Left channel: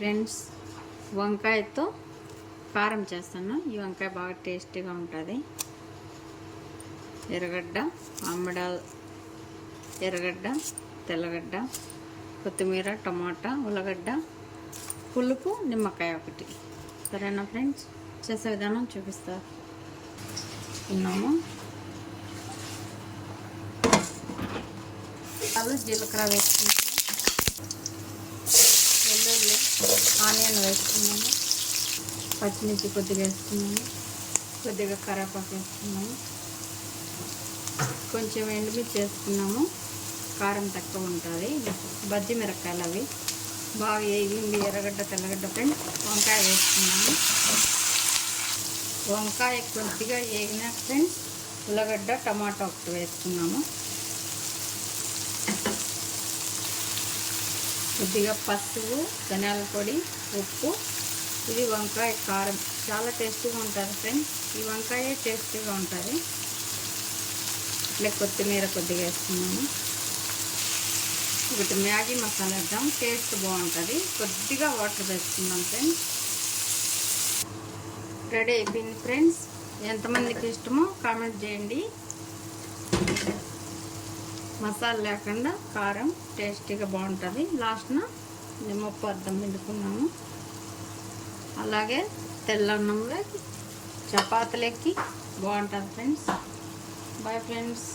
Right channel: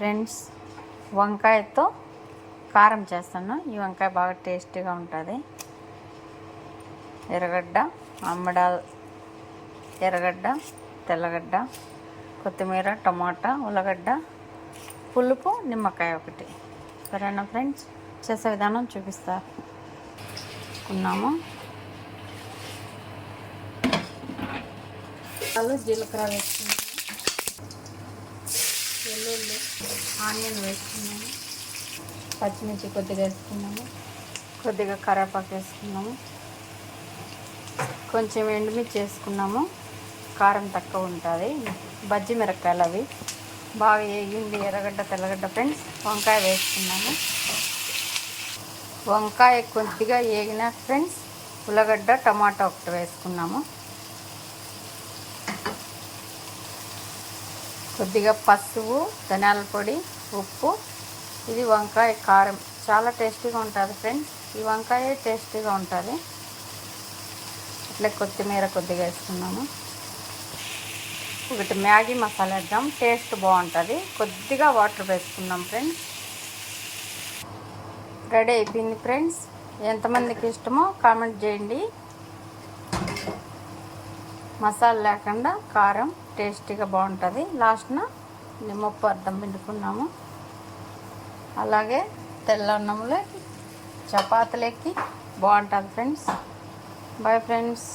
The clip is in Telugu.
ఫ్రెండ్స్, వంకాయతో కారం చేస్తాను. ఈ వంకాయ బాగా టేస్టీగా ఉంటుంది. ఎర్రగడ్డ, ఎర్రగడ్డ, తెల్లగడ్డ, కొత్తిమీర, టమాటా, ఉల్లగడ్డ, పులుపు, నిమ్మకాయ ఒకటి. సరేనా ఫ్రెండ్స్, చేసే విధానం చూపిస్తున్నాము. జీలకర్ర వేసుకున్నాము, వెల్లుల్లి, ఆనియన్ వేసుకున్నాము, పచ్చిమిర్చి కొద్దిగా వేసుకున్నాము, కొద్దిగా కరివేపాకు వేసుకున్నాము, కొంచెం ఎండుమిర్చి వేసుకున్నాము. కారం తక్కువ ఉంటుంది. బజ్జి మిరపకాయలు అవి బాగా వేగింది. ఎర్రగడ్డ, తెల్లగడ్డ ఫ్రెండ్స్, వంకాయ వేసుకున్నాము. వంకాయ కొద్దిగా వేగినాక ఫ్రెండ్స్ ఉల్లగడ్డ, టమాటా ఒకటి వేసుకున్నాము. కొద్దిగా పసుపు, ధనియాల పొడి, ఉప్పు. ఇది వంకాయ కారం చాలా టేస్టీగా ఉంటుంది ఫ్రెండ్స్. ఈ వంకాయ టేస్టీగా ఉంటుంది. ఇట్లా కొత్తిమీర కొద్దిగా వేసుకున్నాము. ఒకటి మ్యాగీ మసాలా వేద్దాం, టేస్ట్ బాగుంటుంది. కొద్దిగా వాటర్ వేసుకున్నాం ఫ్రెండ్స్. రెడీ అయిపోయింది ఫ్రెండ్స్. ఎంతమందికి ఇష్టమో కామెంట్ చేయండి. మసాలా లేకుండా కారం టేస్టీగా బాగుంటుంది. లాస్ట్న నిమ్మప్పు అర్థం పిండుకున్నాము. అలాగే తెల్లన్నంలో చపాతీలకి బాగుంటుంది ఫ్రెండ్స్. Bye friends.